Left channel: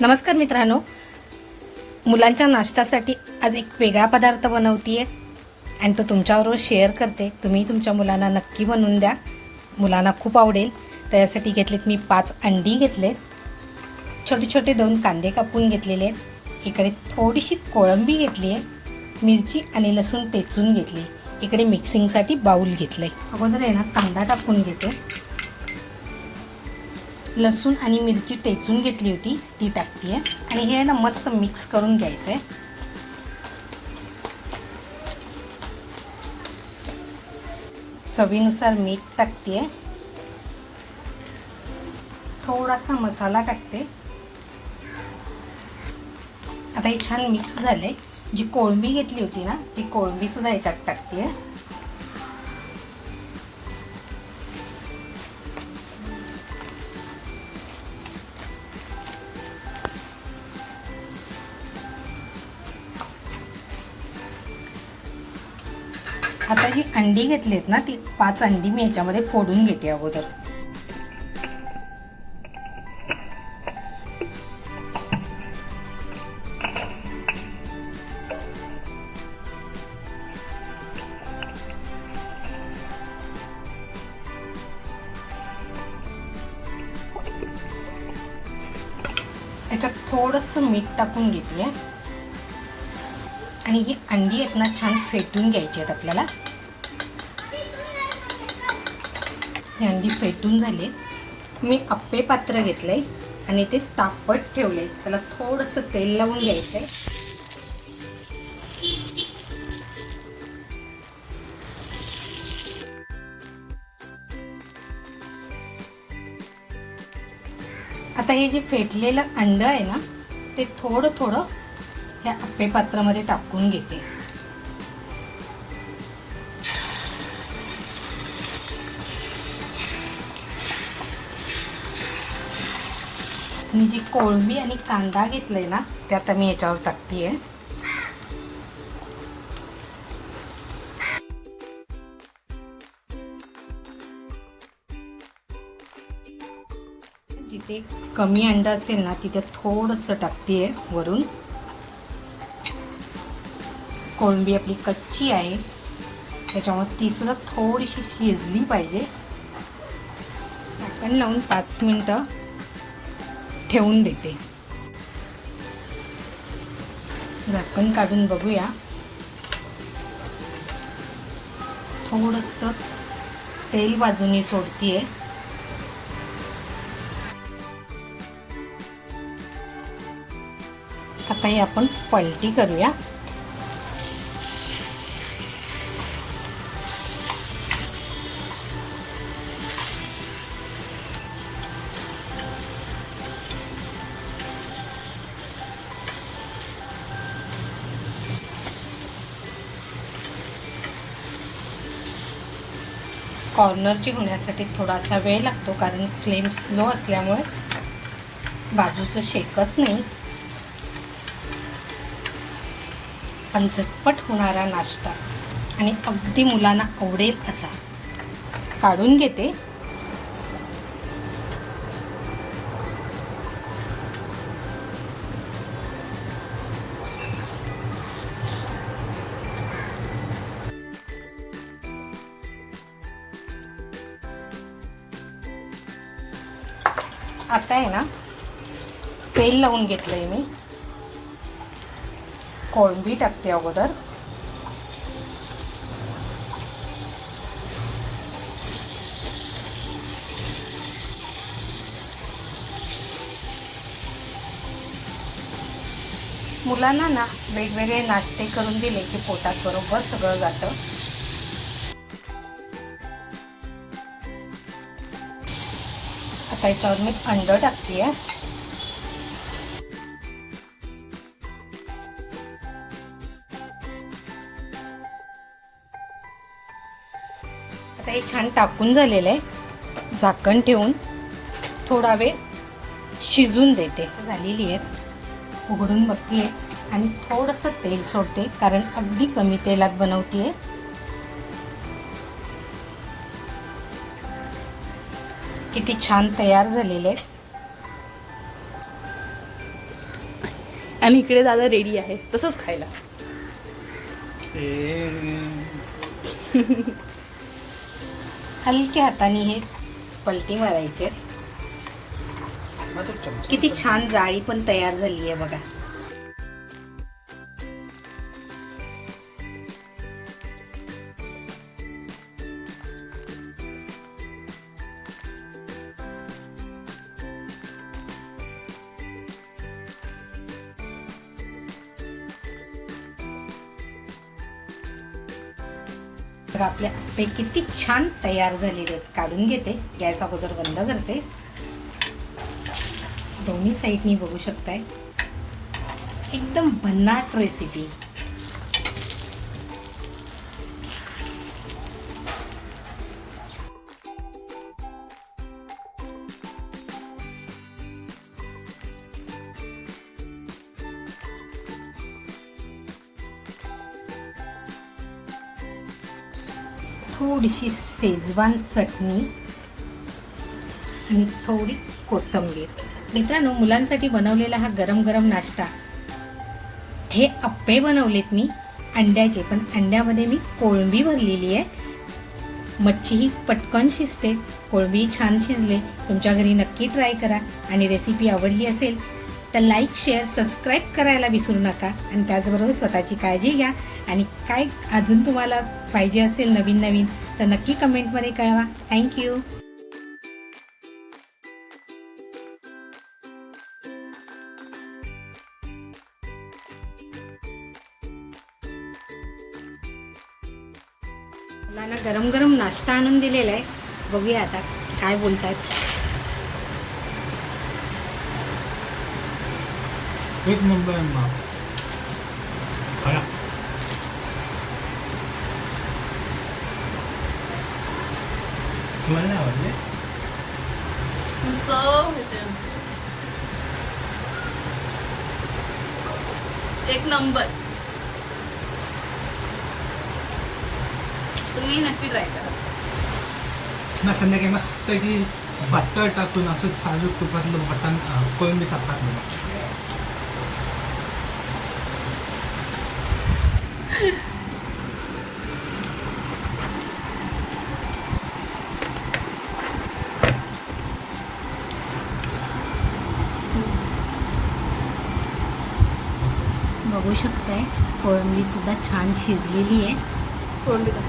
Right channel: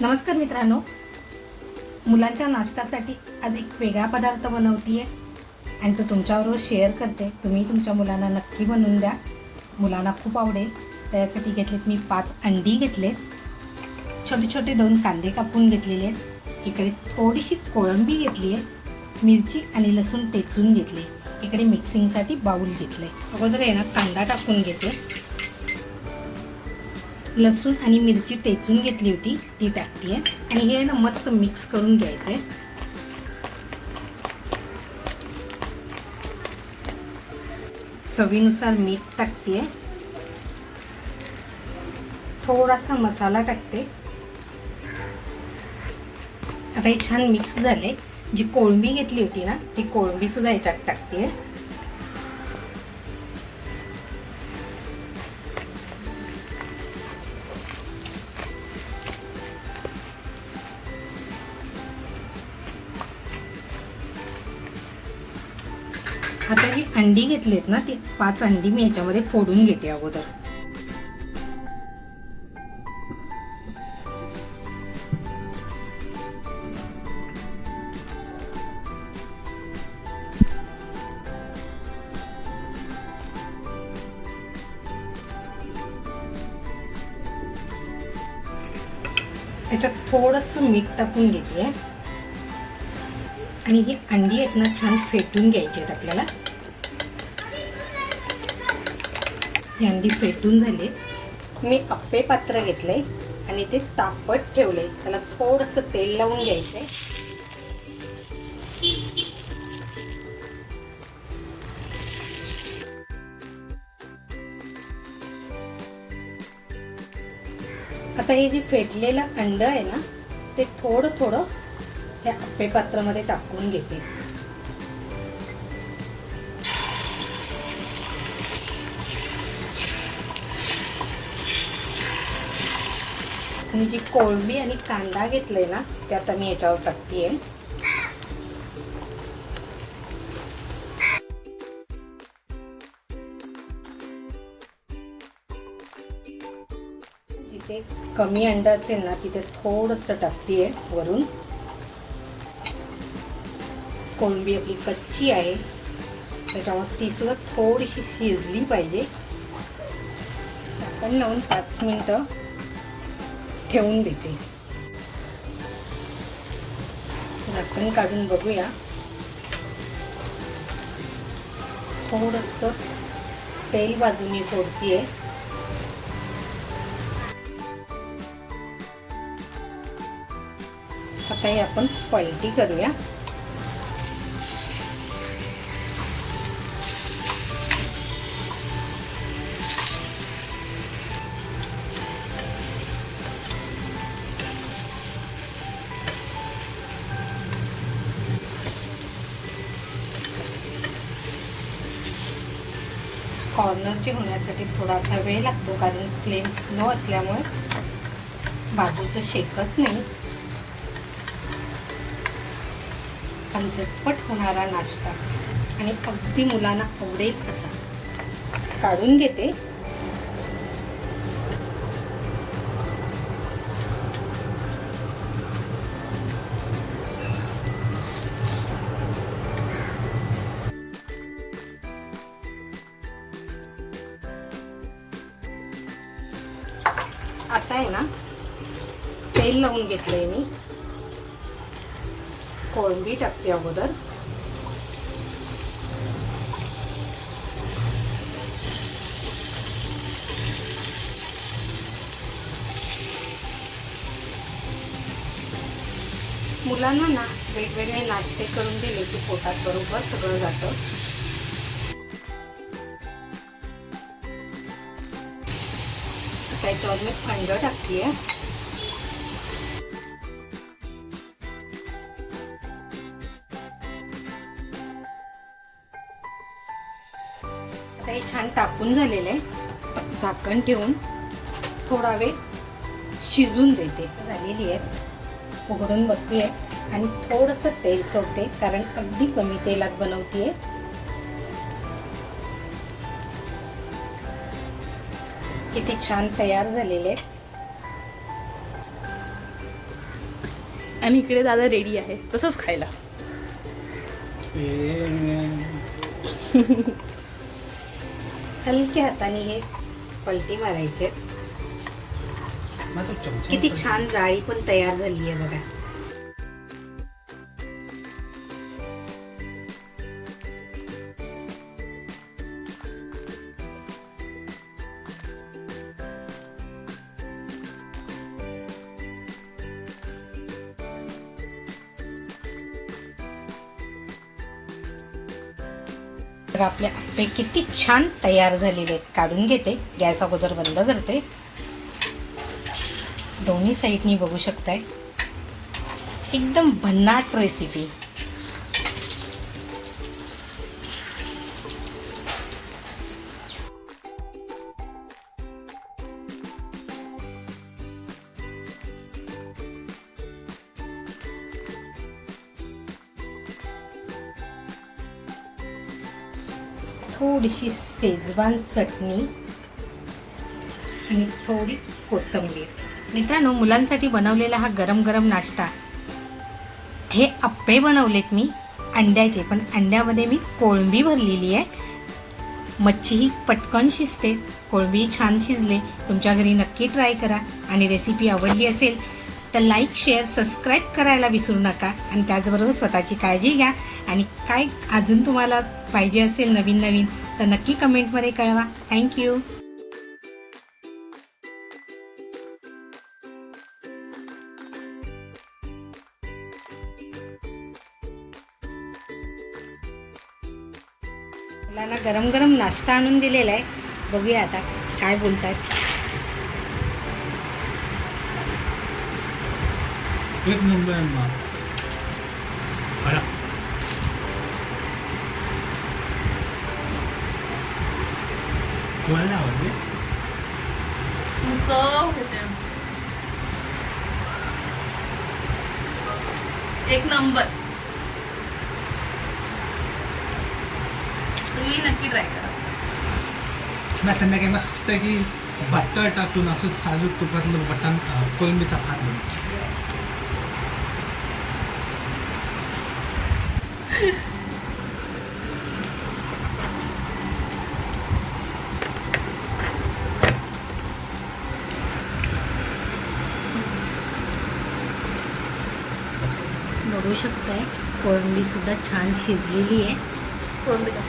नमस्कार मित्रांनो. मुलांच्या नाश्त्यासाठी आज एक वेगळा पदार्थ बनवते आणि तो तुमच्याबरोबर शेअर करते. तुम्ही तुमच्या मुलांना नक्की बनवून द्या. मुलांना खूप आवडेल. त्यासाठी घेतलेत मी पाच अंडी घेतले छोटे छोटे दोन कांदे कापून घेतलेले आहेत. इकडे थोडीशी कोळंबी घेतली आहे. मिरची आणि लसूण टेचून घेतली इकडे मिक्सिंगसाठी बाऊल घेतलं आहे अगोदर आहे ना कांदा टाकून घेते. लसूण आणि मिरची टेचून घेतली होती ती टाकते आणि हे ना मस्त मिक्स करून घ्यायचं आहे चवीनुसार मीठ टाकते थोडासा मसाला टाकते. आता हे छान मिक्स झालं आहे जी कोळंबी घेतली होती ना ती कोळंबीसुद्धा याच्यात टाकते आता जी अंडी घेतलीत ना ती पाच अंडी मी ह्याच्यामध्ये फोडून घेते अगोदर. याच्यात थोडंसं मीठ टाकून घेते. आणि ही अंडी आहेत ना छान फेटून घ्यायची आहेत आपल्याला. ही अंडी फेटून झाली मी अप्पे पात्र घेतलंय आणि ते तापट ठेवले त्याला थोडंसं तेल लावून घ्यायचं आहे आता हे जे फेटलेलं अंड आहे ना ते थोडं थोडं ह्या अप्पे पात्रामध्ये टाकून घेते. आणि जी कोळंबी आणि कांदा घेतले ना ते आता मी याच्यावर टाकतीये. जिथे कमी अंडा असेल ना तिथे थोडंसं टाकतीये वरून. कोळंबी आपली कच्ची आहे. त्याच्यामुळे ती सुद्धा थोडीशी शिजली पाहिजे. झाकण लावून पाच मिनटं ठेवून देते. झाकण काढून बघूया. थोडस तेल बाजूने सोडतीये. आता ही आपण पलटी करूया. कॉर्नरची होण्यासाठी थोडासा वेळ लागतो कारण फ्लेम स्लो असल्यामुळे बाजूचं शेकत नाही. पण झटपट होणारा नाश्ता. आणि अगदी मुलांना आवडेल असा. काढून घेते. आता आहे ना तेल लावून घेतलंय मी. कोळंबी टाकते अगोदर. मुलांना ना वेगवेगळे नाश्ते करून दिले की पोटात बरोबर सगळं जातं. आता याच्यावर मी अंड टाकते आता हे छान टाकून झालेलं आहे. झाकण ठेवून थोडा वेळ शिजून देते. झालेली आहेत. उघडून बघते आणि थोडंसं तेल सोडते कारण अगदी कमी तेलात बनवते किती छान तयार झालेले आहेत. आणि इकडे दादा रेडी आहे. तसंच खायला. हलक्या हाताने हे पलटी मारायचे किती छान जाळी पण तयार झाली आहे बघा. तर आपले आपे किती छान तयार झालेले आहेत. काढून घेते. गॅस अगोदर बंद करते. दोन्ही साईडनी बघू शकताय. एकदम भन्नाट रेसिपी थोडीशी शेजवान चटणी आणि थोडी कोथिंबीर. मित्रांनो मुलांसाठी बनवलेला हा गरम गरम नाश्ता. हे अप्पे बनवलेत मी. अंड्याचे पण अंड्यामध्ये मी कोळंबी भरलेली आहे. मच्छी ही पटकन शिजते. कोळंबी छान शिजले. तुमच्या घरी नक्की ट्राय करा. आणि रेसिपी आवडली असेल तर लाईक शेअर सबस्क्राईब करायला विसरू नका. आणि त्याचबरोबर स्वतःची काळजी घ्या. आणि काय अजून तुम्हाला पाहिजे असेल नवीन नवीन तर नक्की कमेंटमध्ये कळवा. थँक्यू मुलांना गरम गरम नाश्ता आणून दिलेला आहे. बघूया आता काय बोलतात. एक नंबर आहे मा खरा तुम्हाला नाही आवडले एक नंबर. तुम्ही नक्की ट्राय करा. ना संध्याकाळी मस्त की बटर टाकून असं साजूक तुपातलं बटन कोळंबीचा भात बनव. बघू शकताय कोळंबी सुद्धा छान शिजलेली आहे. कोळंबी टाक.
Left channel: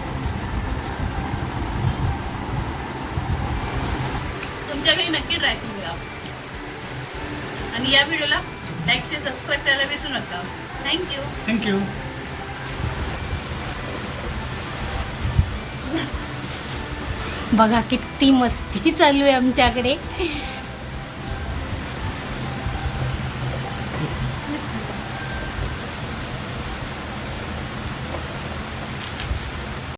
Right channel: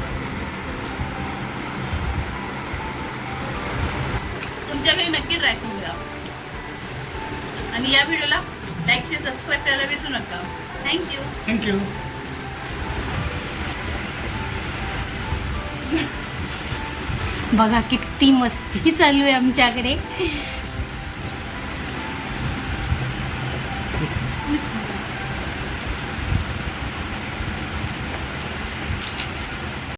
तुमच्या घरी नक्की ट्राय करूया आणि या व्हिडिओला लाईक शेअर सबस्क्राईब करायला विसरू नका. थँक्यू थँक्यू बघा किती मस्ती चालू आहे आमच्याकडे.